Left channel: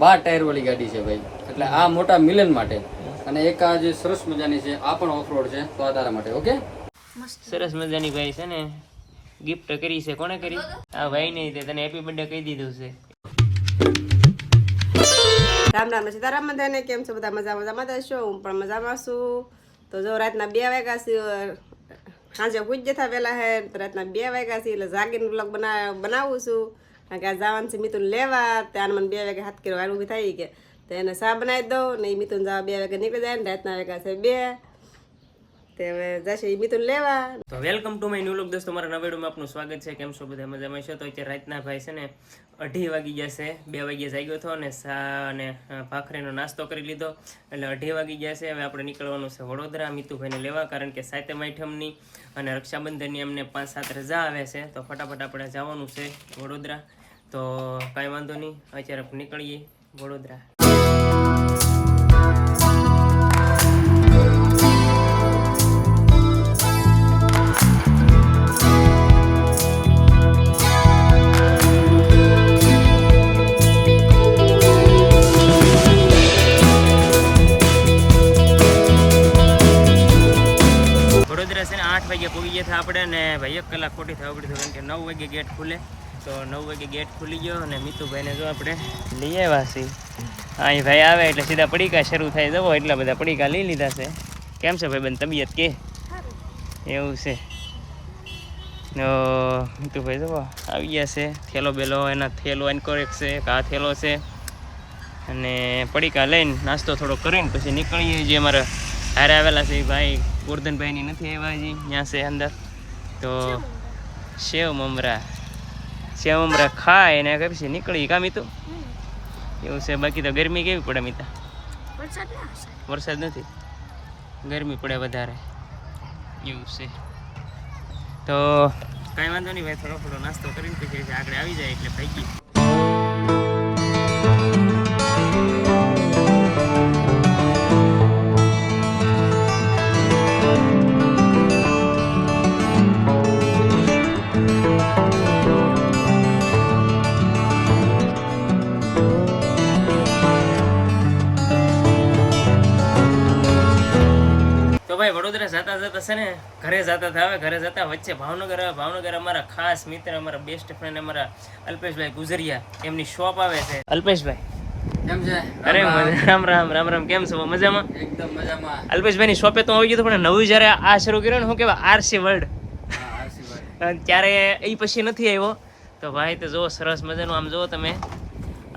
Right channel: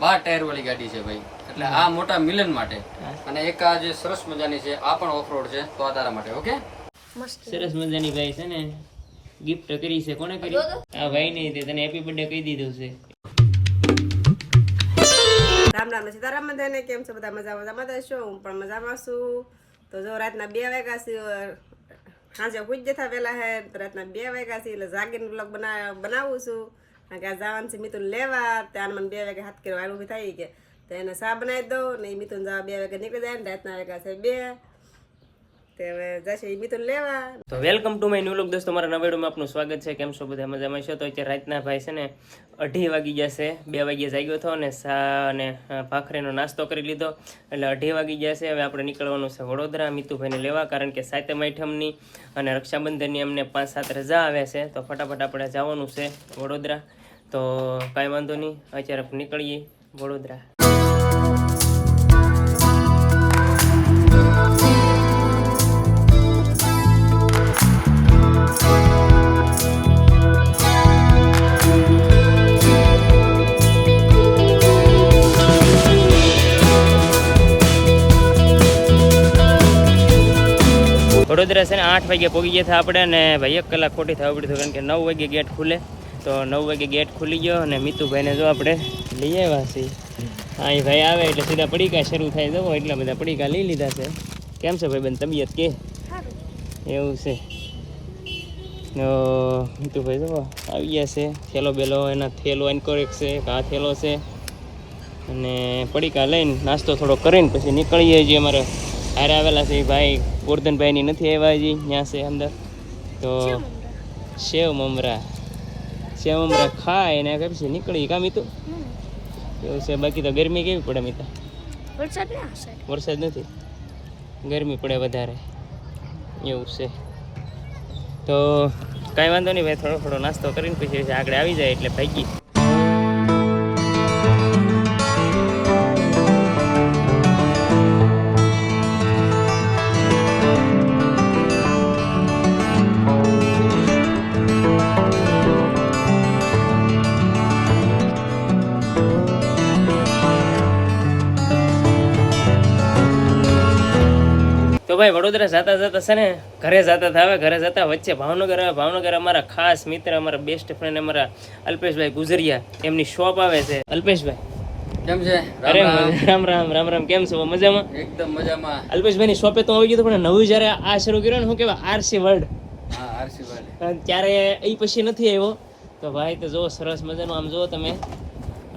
12 tyre વાળી ગાડી છે ભાઈ, એટલે આ મોટા મિલન માટે. અને એક આ જે સરસ મજાની છે આ પણ ઓફરોડ છે, તો આ તારા માટે. ઓકે, સરસ મજાની ભાઈ છે ને ગિફ્ટ કરી છે. કોને કરી? આ ભાઈ ને તને હેપી બર્થડે કહી દીધું છે. રામ રામ સીતારામ બધાને. કેમ છો બધા? મજામાં છો? હું પણ મજામાં છું. તો જો રાતના 2 વાગ્યા છે, સાંજે પૂજ જતા પેલા હે રાતના 2 વાગ્યા છે, એટલે જાગીને બ્લોગ બનાવું છું. કારણ કે આ જવાનું છે મિતુન લેવા. ત્યાં મને 2 વાગે હાથ કર્યો ઊભી થઈ કે તો એને ચા બનાવી દઉં ને. એ મિતુન જવા 2 વાગે નીકળી જાય ને. રાતના વાગ્યા છે 2. તે હવે જશે એ મિતુન લેવા. તો welcome to my new vlog દોસ્તો, મારા નવા વિડીયોમાં આપનું સ્વાગત છે. કેમ છો બધા? મજામાં છો? તો અત્યારે રાતના ભાઈ છે ને 2:30 વાગી જશે. 2 વાગ્યે જાગ્યો હતો અને સા અને ભાખરીનો નાસ્તો કરી લીધો, એટલે 2:30 વાગી જશે. હવે આપણે નીકળવાનું છે વડોદરા મિતુભાઈને લેવા, કારણ કે 7મ આઠમની અને રક્ષાબંધનની અમને 5-7 રજા આવે છે. તો ફટાફટ આપણે જવાનું છે વડોદરા. તો કાંઈ વાંધો નહીં, અત્યારે આપણે નીકળીએ વડોદરા. વડોદરા છે ને 8 વાગે પહોંચી ગયા હતા આપણે, અને ભાઈ 1 કલાક ખોટી થવા પડ્યું, કારણ કે 9 વાગે ગેટ ખુલે. તો 9 વાગે ગેટ ખુલી ગયો અને મિતુભાઈને જો આપણે લઈ આવ્યા છીએ. અહીં ભાઈ આવે એટલે સીધા પડીકા શરૂ થાય. જવો એટલા બધા પડીકા લઈ લીધા છે. કેમ છે ભાઈ બેન તબિયત કે? એવું છે. તો મિતુભાઈ જવો આવી ગયા છે. થેલો બેલો એના થેલો એન્કોરેક છે, આ થેલો છે, અને પડીકા લઈને નાસ્તો થોડો કરીને પછી નીકળીએ. જે અમારા હારે આવેલા છે એ ભાઈ ગોરધનભાઈની નથી આવ્યા હજી, ત્યાં છે અંદર. તો સેવ મમરા ખાય ને પછી નીકળી. કામ તો એવું છે. બાકી તો ગરમી કેવી પડે મિતા? વરસાદ નથી, ગરમી પડે વધારે એવું છે. તો કાંઈ વાંધો નહીં ભાઈ, થોડો થોડો નાસ્તો કરીને પછી આગળ આવી જાય એટલે ભાગી. ભાઈ વડોદરા જતા છે ને ઘરે જતા વચ્ચે ભાવનગર આવે. ભાવનગર અમારા ખાસ મિત્ર, અમારા બેસ્ટ ફ્રેન્ડ, અમારા અલ્પેશભાઈ ગુજરિયા, એમની શોપ આવે છે. અલ્પેશભાઈ કેમ છે? અરે રામ રામ. કેમ છો? મજામાં? એકદમ મજામાં. અલ્પેશભાઈ ની શોપે તો આવી ગયો, પણ નવું જયારે આ શરૂ કર્યો ને, શું કેવાય, આરસી વર્લ્ડ, ત્યારે એ પછી નથી આવ્યો. તો ભાઈ તો જો સરસ મજાનું આમ જો તમે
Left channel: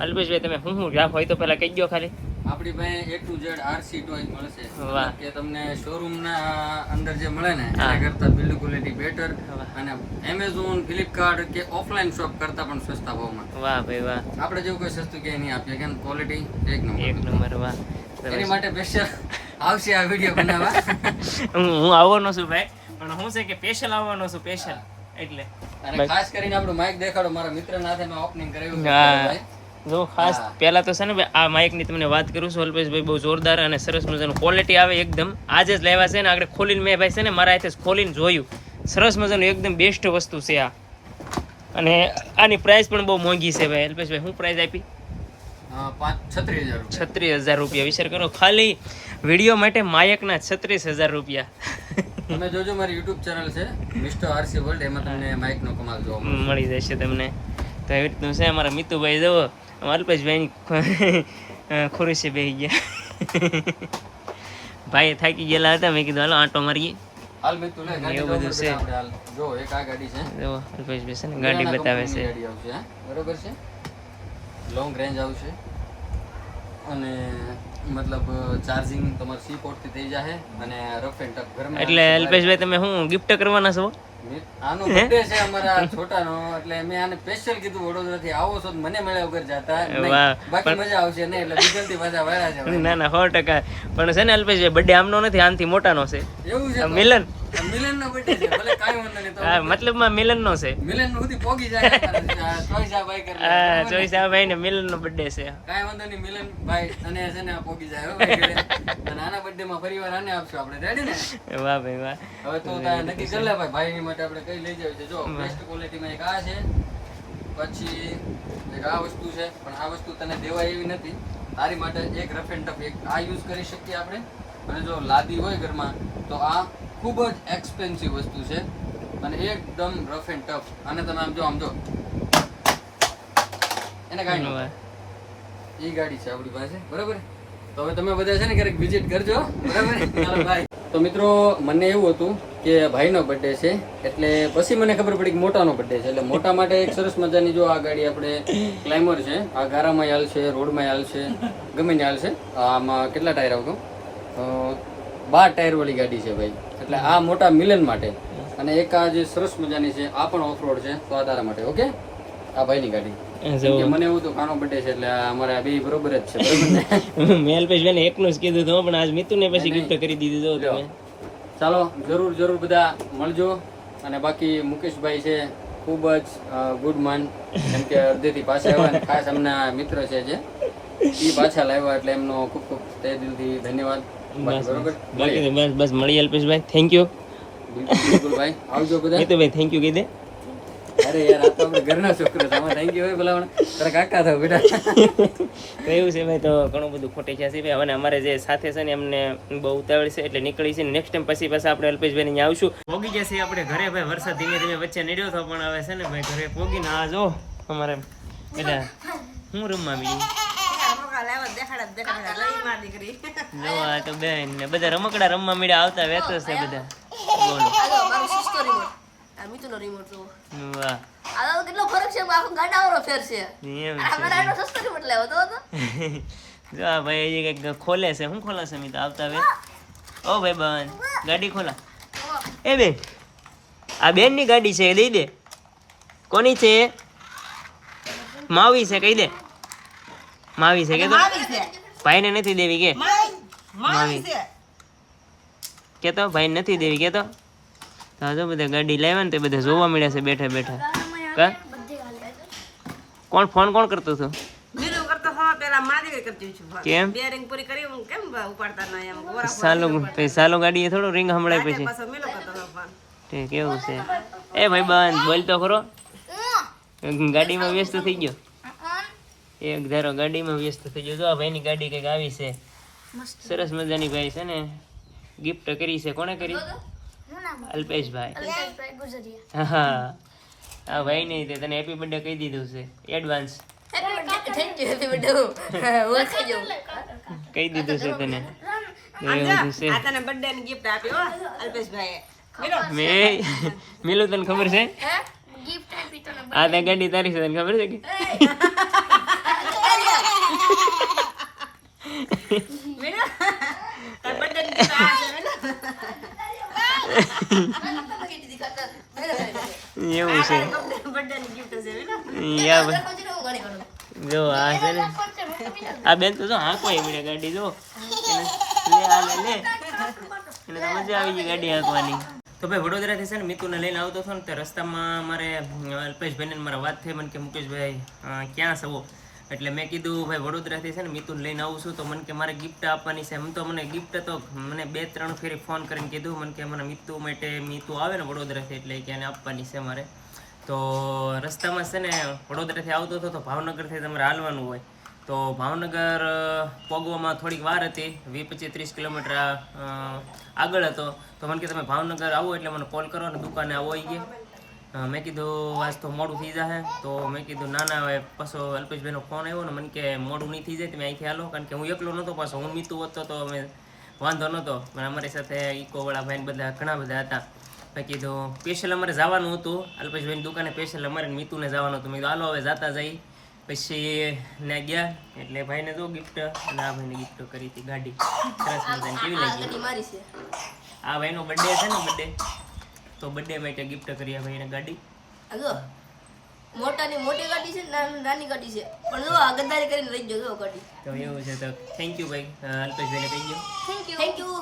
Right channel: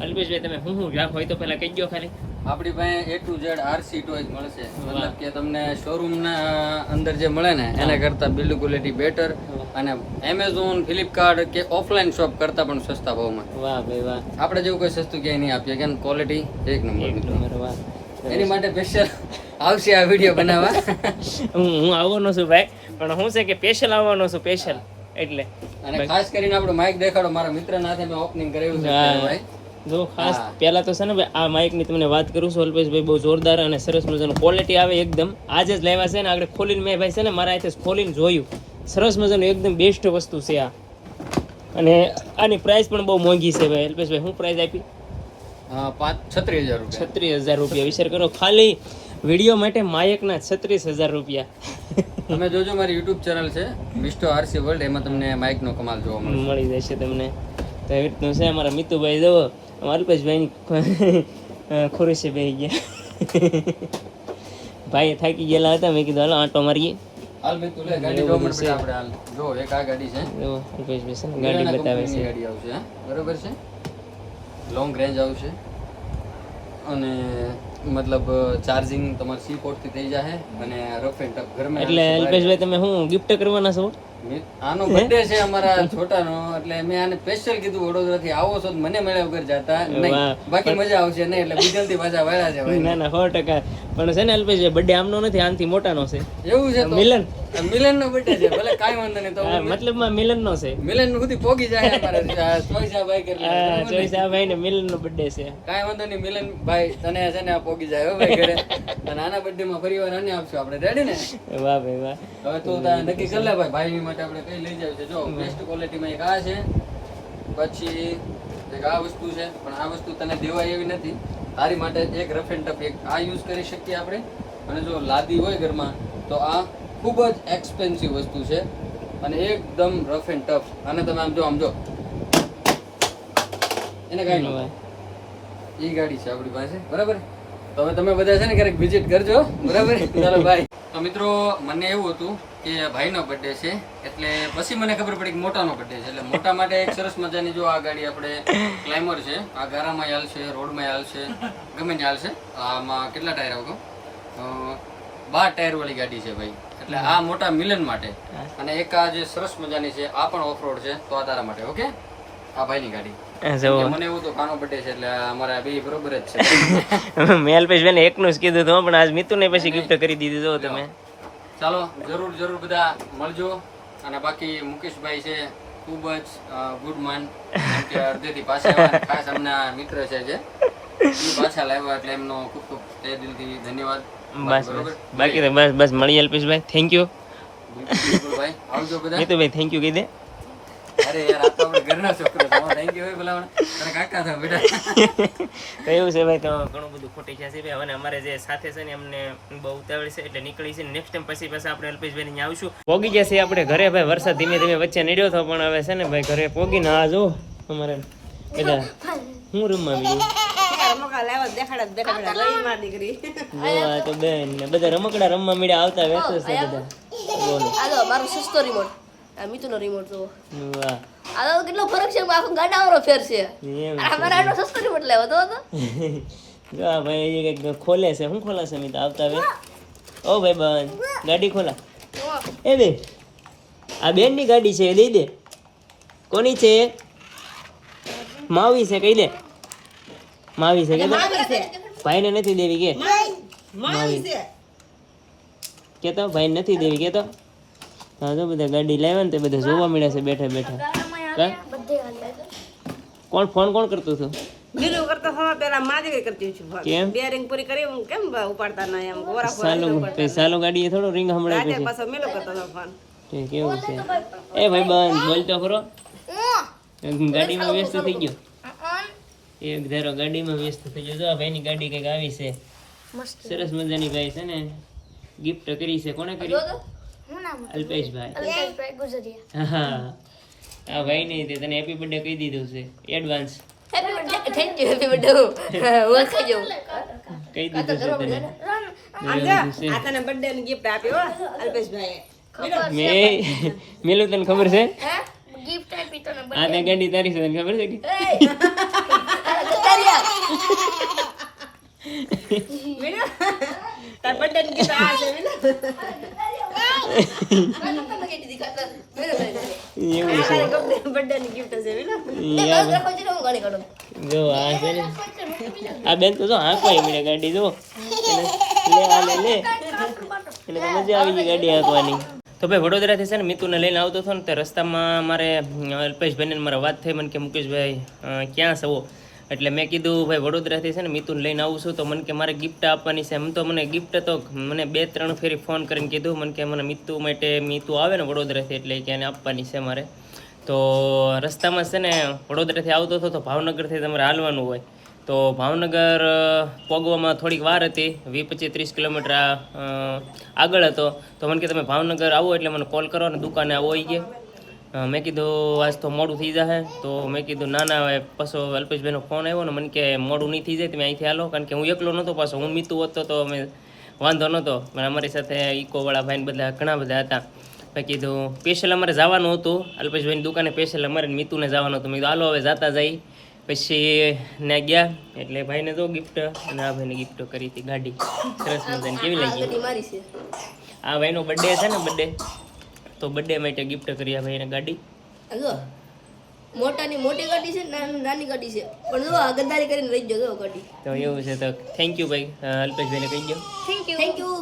અલ્પેશભાઈ, તમે હું રાખો હોય તો પેલા કહી ગયો ખાલી. આપણી પાસે A to Z RC toys મળશે. મતલબ કે તમને શોરૂમ ના અંદર જે મળે ને એના કરતા બિલ્ડ ક્વોલિટી બેટર, અને એમેઝોન, ફ્લિપકાર્ટ કે ઓફલાઈન શોપ કરતા પણ સસ્તા ભાવમાં. વાહ ભાઈ વાહ. આપણે જેવું કોઈ સસ્તું ક્યાંય નહીં આપીએ, કે ક્વોલિટી એક નંબર. વાહ. એની માટે સ્પેશિયલ આવશે આ વિડીયો બનાવવા. હું આવવાનો છું ભાઈ, પણ હું છે કે સ્પેશિયલ આવવાનો છું, સ્પેશિયલ એટલે. અને ખાસ કરીને આપણું માઇક દેખાડો. મારા મિત્રના હાથે મેં ઓપનિંગ કરાવ્યું છે ભાઈ. જો ખાસ પહેલા તો છે ને ભાઈ, આ માઇક ની તમને વાત કરું છું અલ્પેશભાઈ, બહુ જોરદાર અને સરસ મજાનું ક્વોલિટી આવે એકદમ. આજે જ લેવા છે ને, આગળ ખોલીને મેં ભાઈ છે ને મારા હાથે ખોલીને જોયું. સરસ મજાનું એકદમ બેસ્ટ વસ્તુ છે આ. અને આની પ્રાઇસ પણ બહુ મોંઘી છે ભાઈ. અલ્પેશભાઈ શું પ્રાઇસ આપી? 36,000 રૂપિયા. વિચાર કરો, ખાલી વિડીયો માટે માયકના 36,000 રૂપિયા. તમે જોજો, મારી યુટ્યુબ ચેનલ છે મિસ્ટર આરસી વર્લ્ડ, એમાં તમને માઇક નો કમાલ જોવા મળી જશે તમને. તો એવી રીતનું છે. અમારા મિતુભાઈ જવો અલ્પેશભાઈની ખુરશી બેસી ગયા. ભાઈ થાકી ગયેલા હતા, મેં કીધું હાલો આંટો મારીએ. એવું બધું છે. જો એક આ ગાડી છે, અલ્પેશભાઈ છે ને ગાડી બતાવે છે. ગાડી આવશે, બરોબર છે, લોંગ રેન્જ આવશે, અને મતલબ ચાર્જિંગ તમારે સી પોર્ટ થી થઈ જશે, અને રફ એન્ડ ટફ ઘરમાં. એટલે અલ્પેશભાઈ તમે શું ગિફ્ટ કરવાના છો? આનો બર્થડે છે અમારા છોટાનો, એટલે મેં આને સ્પેશિયલ કીધું વડોદરા થી આવો છો મને મળ્યા વગર જાતા નહીં, બાકી મજા આવશે નહીં, એટલે બીજલથી પાછા વાળા છે. ના 100%. પણ છે ને અલ્પેશભાઈ બર્થડે આમનો નથી, આનથી મોટાનો છે. એવું છે? મિલન નો બર્થડે છે, ભલે કાઈ વાંધો નહીં. તો મતલબમાં મિલન નો છે. મિલન નો સુધી પોગી જાય અમારે ચોઈસા ભાઈ કરે. ચોઈસા ભાઈ ને મિલન નો બર્થડે છે. કાઈ વાંધો નહીં મિલન ભાઈ, તને છે ને પોગી જાય ભાઈ ઘરે. અને આના બર્થડે માં ફરીવાર આને આપશું આપણે. રેડી ને? વાહ ભાઈ વાહ. હવે તું નક્કી કરી લે ભાઈ, ભાઈ ની માટે આપણે કઈ લઈ જાવ છે. જો બેસ્ટ ક્વોલિટી માં એક આ છે, પછી એક આ વસ્તુ છે, પણ આ વસ્તુ તને દેવાય એવી નથી. તારી માટે એક રફ એન્ડ ટફ એક આ યુઝ કરી શકીએ આપણે. અને જો લાદી હોય ઘરમાં તો આ ખૂબ જ એક્સપેન્સિવ વસ્તુ છે અને એકદમ રફ એન્ડ ટફ. અને તમે આમ જો એને કાંઈ નહીં, એ ગાડી છે આપણી પાસે, બરાબર. તો હવે તમે બધા છે ને ક્યારેક વિઝિટ કરજો, બરાબર. ચાલો ભાઈ. તો મિત્રો મને એવું હતું કે ભાઈનો બર્થડે છે, એટલે પછી મને ખબર પડી કે મોટાનો બર્થડે છે. એટલે મોટા માટે એક સરસ મજાની જો આ ગાડી આપણે ક્લાઇમર છે, આ ગારામાં હાલશે, રોડમાં હાલશે, ગમે ત્યાં હાલશે. આમાં કેટલા ટાયર આવતો? 12 ટાયર વાળી ગાડી છે ભાઈ. એટલે આ મોટા મિલન માટે. અને એક આ જે સરસ મજાની છે આ પણ ઓફ રોડ છે, તો આ તારા માટે. ઓકે, આ ભાઈની ગાડી. મને એવું તો કાનો બર્થડે છે એટલે અમારા બે બરોબર જ છે. મેં અલ્પેશભાઈને એકનું જ કીધું હતું, પણ આજ મિતુને પછી ગિફ્ટ કરી દીધી. જો તમે ચાલો જરૂર બધા મળજો. અને બાકી મુકેશભાઈ છે ખૂબ જ ગુડ માન, કેમ કે અડધેથી પાછા આવ્યા. ખાસ એમના મિત્ર છે જે એ પાછા લાવ્યા, એટલે એમનો ખૂબ ખૂબ તે દિલથી ધન્યવાદ. બસ બાકી તો બસ મળીએ અલ્પેશભાઈ. Thank you. બિલકુલ ભાઈ, આવજો બધા. મિતુભાઈ થેન્ક યુ કહી દે. અરે યાર, આ તો આપણે ઘરના છોકરો છે. થેન્ક યુ ભાઈ, ભલા તારા કાકા થાવ બેટા. તો એવું છે ભાઈ, તો ઘણું બધું ખોટી છે ભાઈ. અને અમારે જે સાથે છે ને એમને બહુ ઉતાવળ છે એટલે નીકળી છે. નેક્સ્ટ ટાઈમ પછી આપણે અલ્પેશભાઈ અહીંયા આવશું. પોગી જશે આપણે ઘરે ભાઈ. વરસાદ ધીમે ધીમે વચ્ચે નીડ્યો હતો, પણ હવે છે ને ભાઈ ઘરે પોગીને આ જો અમારે એટલે હું રમવા બીજું જો આ તો બેન ને બધા રમકડા રમવા મળ્યા આવતા વેતો છે બધા. બોલો મિતુનો રિમોટ જો વાહ, આ કેટલો ફરક છે, આખો ગાડાવાળો ફેર છે. એમ અમારે આટલો સસ્તો રિમોટ લાવ્યો હતો. જો આ ભાઈ હજી કંઈક ખોલે છે. શું ખોલે છે મિત આવતા હવે? ઓ ભાઈ બંધ ગાડી ખોલા. એ બે આ બેન ની ગાડી છે, દઈ દે. કોની છે? માવી છે, કહી દે. માવી છે કે તો ભાઈ ને નથી દેવી કે? માવી કે તો ભાઈ નથી દેવી કે તો. જો બધા ગાડી લાવ્યા ને તે બધા જોવા મળ્યા છે બેઠા બેઠા. કા કોણ ફોન કોણ કરતું હતું? બીજું કરતો હો પેલા માજી કરતી છું. કેમ બેરિંગ પૂરી કરી હું કેમ ઉપાડતા ના એમ ગોરા સાલો ગાડી એ થોડો રિંગ હમણાં પછી પાછો મેલો કરતો હતો ફોન. ઠીક કેવું છે? એ ભાઈ બંધ બોલ તો ખરો. ગાડીમાં વ્યસ્ત થઈ ગયો. એક ધારો ગાડીમાં વ્યસ્ત થઈ ગયો. જો આ ભાઈની ગાડી કઈક આવી છે સરસ મજાની. ભાઈ છે ને ગિફ્ટ કરી છે. કોને કરી? અલ્પેશભાઈ. હા આ ભાઈ નહીં તે તને હેપી બર્થડે કહી દીધું છે advance. Thank you, happy birthday. હું કહી દઉં. કહી દીધું છે તને. આ તને બર્થડે ની ગિફ્ટ આપી હો અલ્પેશભાઈએ. મેં મેલું તને ખબર છે? ગિફ્ટ આપી તને. આ તે ગાડી તારી છે તને ખબર છે કે? તાર બર્થડે ની ગિફ્ટ આ છે મેલો. એવું છે. બર્થડે ની ગિફ્ટ છે મેલો. યા ભાઈ જો આ છે ને આ બેન તો જો હાંકવાય મળે ગાડી. જો લે આ લે લે એટલે તો મજા આવી ગઈ ગાડી હાંકવાની. તો ભાઈ વડોદરાથી છે ને મિતુને લઈને આવતો હતો ને તે રસ્તામાં મારે અલ્પેશભાઈને મારે વાત થઈ. મને કે મુકેશભાઈ ક્યાં છો? એટલે મેં કીધું ભાઈ વડોદરાથી છે ને મિતુને લઈને આવું છું, તો મને કે મારે ગિફ્ટ આપવાની છે. એમ તો મને ગિફ્ટ તો મને 2-3 ફેરી ફોન કરીને કીધું મને કે મને મિતુ માટે મિતુ આવે ને વડોદરાથી એટલે કે એને આપવાની છે મારે. તો રસ્તામાં છે ને વડોદરાથી આવતો હતો તો ભાવનગરથી તમારે હાલવાનું હોય. તો ભાવનગર પહોંચવામાં થોડીક વાર હતી, 20-25-30 કિલોમીટર આગળ હતો. તો મને કે તમે ભાવનગર આવો એટલે મને કોલ કરો ને દુકાને આવો આવી ગયા. મેં કીધું આજ તો મોડું થઈ જશે. તો મેં કીધું ના ના પાછો અલ્પેશભાઈનો ફોન આવ્યો ને મને કે મોડું નહીં થઈ જાય તમે અહીંથી હાલો. કારણ કે હું એકલો નહોતો, પાછો હું મિતુ હતો તો અમે વાંધો નહોતો. પણ અમારી સાથે ઇકોવાળા ભાઈ બધા ઘણા બધા હતા. મેં કીધું સ્પેશિયલ અમારે જવાનું હતું અલ્પેશભાઈની દુકાને, સ્પેશિયલ અમારે મિતુને જવાનું હતું. મેં કીધું હાલો હવે જતા જઈ. પછી ને ગયા એટલે ભાઈને જો ગિફ્ટ અને આ ભાઈને ગિફ્ટ કરી હતી ગાડી. સરસ મજાની. કેવી લાગી? આ ભાઈનો બર્થડે છે ને બર્થડે, તો બર્થડે માટે ગિફ્ટ કરી આ ભાઈને ગાડી. જો મોટાની મોટી ગાડી છે, નાની ગાડી છે, પણ જો આ ગદ્દારી કરીને લઈ જજો ગાડી. તો એવું છે. તો થેન્ક યુ ભાઈ અલ્પેશભાઈને કહી ગયો. Thank you.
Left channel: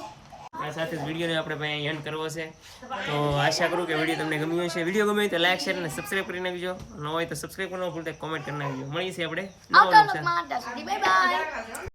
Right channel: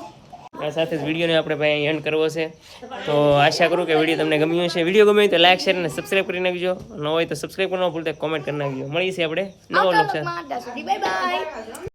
આ સાથે જ વિડીયોને આપણે ભાઈ એન્ડ કરવો છે. તો આશા કરું કે વિડીયો તમને ગમ્યો હશે. વિડીયો ગમ્યો હોય તો લાઈક શેર અને સબસ્ક્રાઈબ કરી નાખજો. ન હોય તો સબસ્ક્રાઈબ કરવાનું ભૂલતા કોમેન્ટ કરી નાખજો. મળીએ છીએ આપણે નવો વ્લોગ સાથે. Bye bye.